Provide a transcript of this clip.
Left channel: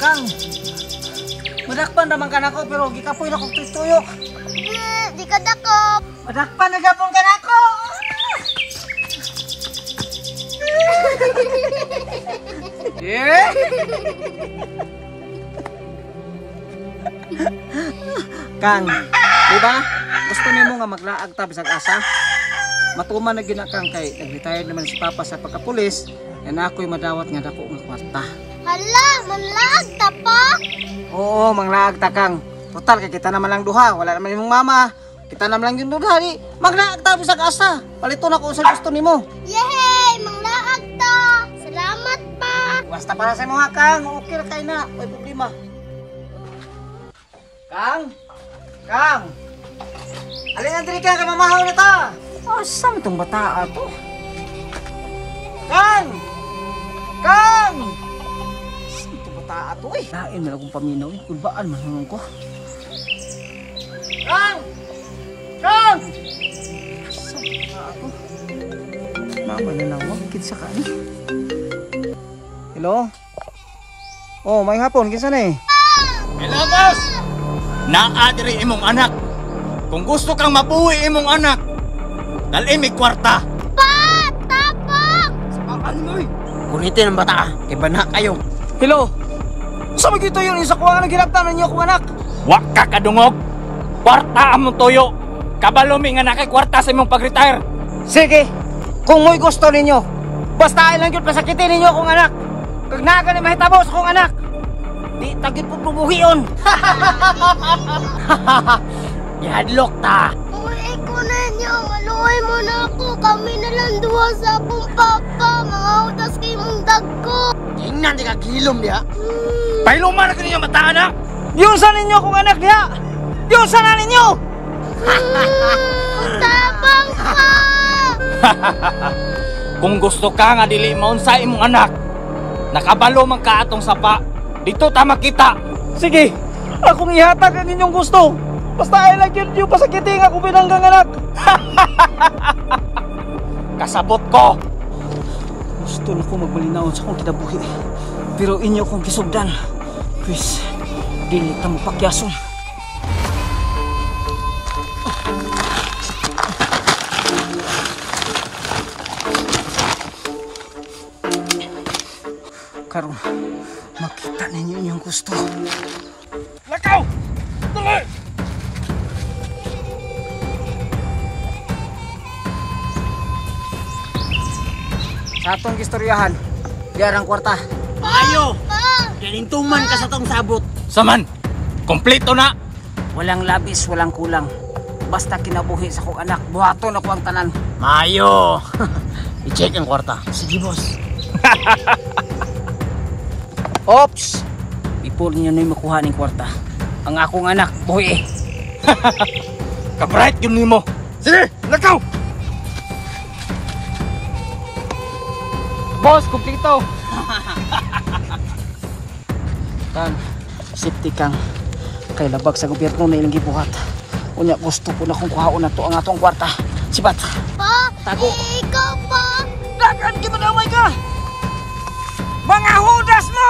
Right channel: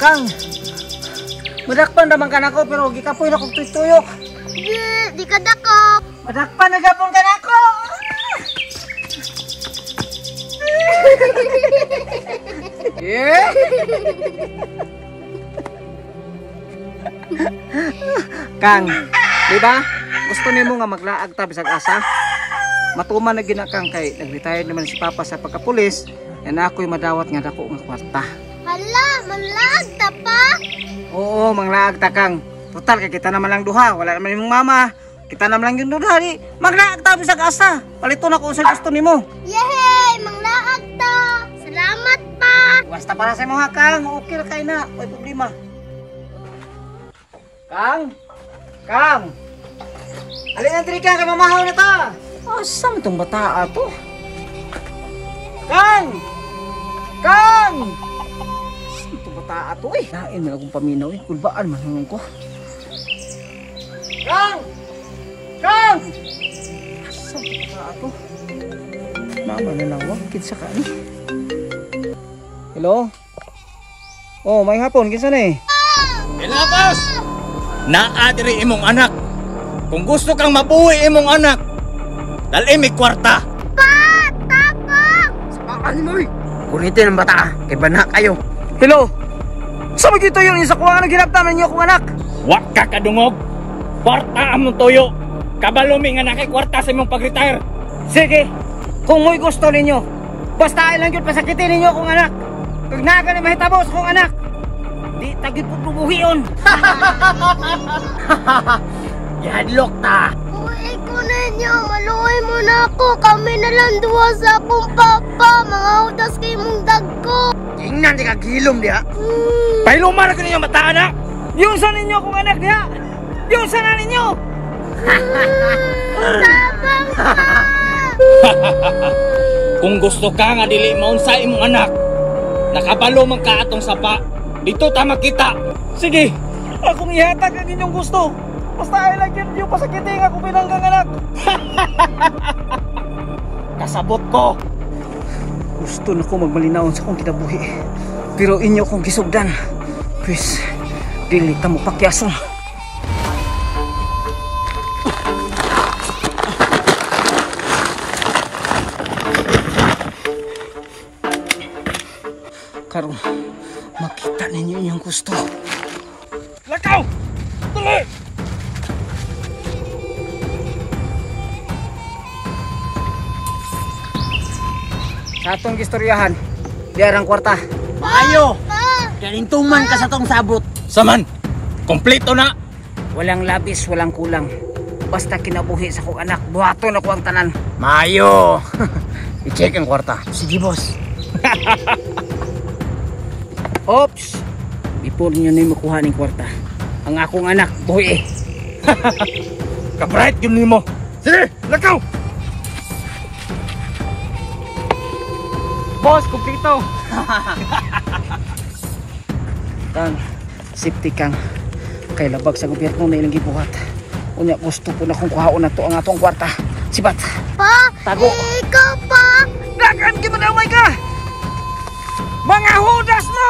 Kang, madakpan naman ka na ko pero gikapoy na kong tuyok. Di ka dakop. Madakpan na gapon ka na ko. Yeah. Kang, di ba? Gusto nimo nga maglaag ta bisag asa? Matuman na ginakang kay nag-retire naman si Papa sa pagkapulis. Yan ako'y madawat nga dako nga kwarta. Hala, manlaag ta pa? Oo, manglaag ta Kang. Total kay kita naman lang duha, wala naman imong mama. Kita naman lang yung duha di. Maglaag ta bisag asa. Palito na kung sa gusto nimo. Yehey, manglaag ta. Salamat pa. Basta para sa mga Kang, okay ra kay na, may problema. Kang? Kang? Alin ang trika kay mamahaw na ta? Asa mo itong bata to? Kang! Kang! Asa mo itong bata to eh? Nain na akong paminaw eh, kulbaan man hanggang ko. Kang! Kang! Asa mo itong bata to? Nama na lang wag, kinsa ka ni? Hello? Oh, may hapon, kinsa na eh? Hello, boss! Naadiri imong anak. Kung gusto kang mabuhi imong anak, dalhin mi kwarta. Pa! Tapang! Samaan mo eh. Gunitin ang bata, kay bana kayo. Hello? Sa magito yun, isa ko nga naghinaptanan niyo akong anak. Wak ka kadungog. Kwarta among toyo. Kabalumi nga nakay kwarta sa imong pag-retire. Sige, kung mo'y gusto ninyo, basta ay lang yun pasakitin ninyo akong anak. Kag naga ni mahitabo sa akong anak, di tagit po bubuhion. Yadlok ta. Uwi ko ninyo, maluoy mo na ako. Kami na lang duha sa akong papa. Mga utas kay mong dagko. Tingnan di ka gilom diha. Pailuman na kaninyo mata anak. Yusan ninyo akong anak niya. Yusan na ninyo. Tapang ka! Kung gusto ka nga dili maunsa imong anak, nakabalo man ka atong sapa. Dito ta makita. Sige, akong ihatag ang inyong gusto. Basta ay lang yun yung pasakitin ako binanggang anak. Kasabot ko. Gusto na ko magmalinaon sa akong kinabuhi. Pero inyo kong gisugdan. Please, dili ta mo pakyason. Karon, makita ninyo inyong gusto. Lakaw! Tuloy! Sa atong gistoryahan, diarang kwarta. Maayo! Pa! tuman ka sa tong sabot. Saman, kompleto na. Walang labis, walang kulang. Basta kinabuhi sa kong anak, buhaton ako ang tanan. Maayo! I-check ang kwarta. Sige, boss. Ops! Before niyo na yung makuha ng kwarta, ang akong anak, buhi eh. Kabright yun mo. Sige, lakaw! Boss, kumpito! Kang, safety Kang. Kay labag sa gobyerno na ilang gibuhat. Unya gusto ko na kung kuhaon na to ang atong kwarta. Sibat! Pa! Tago. Ikaw pa! Dagan, gimanamay ka! Mga hudas mo!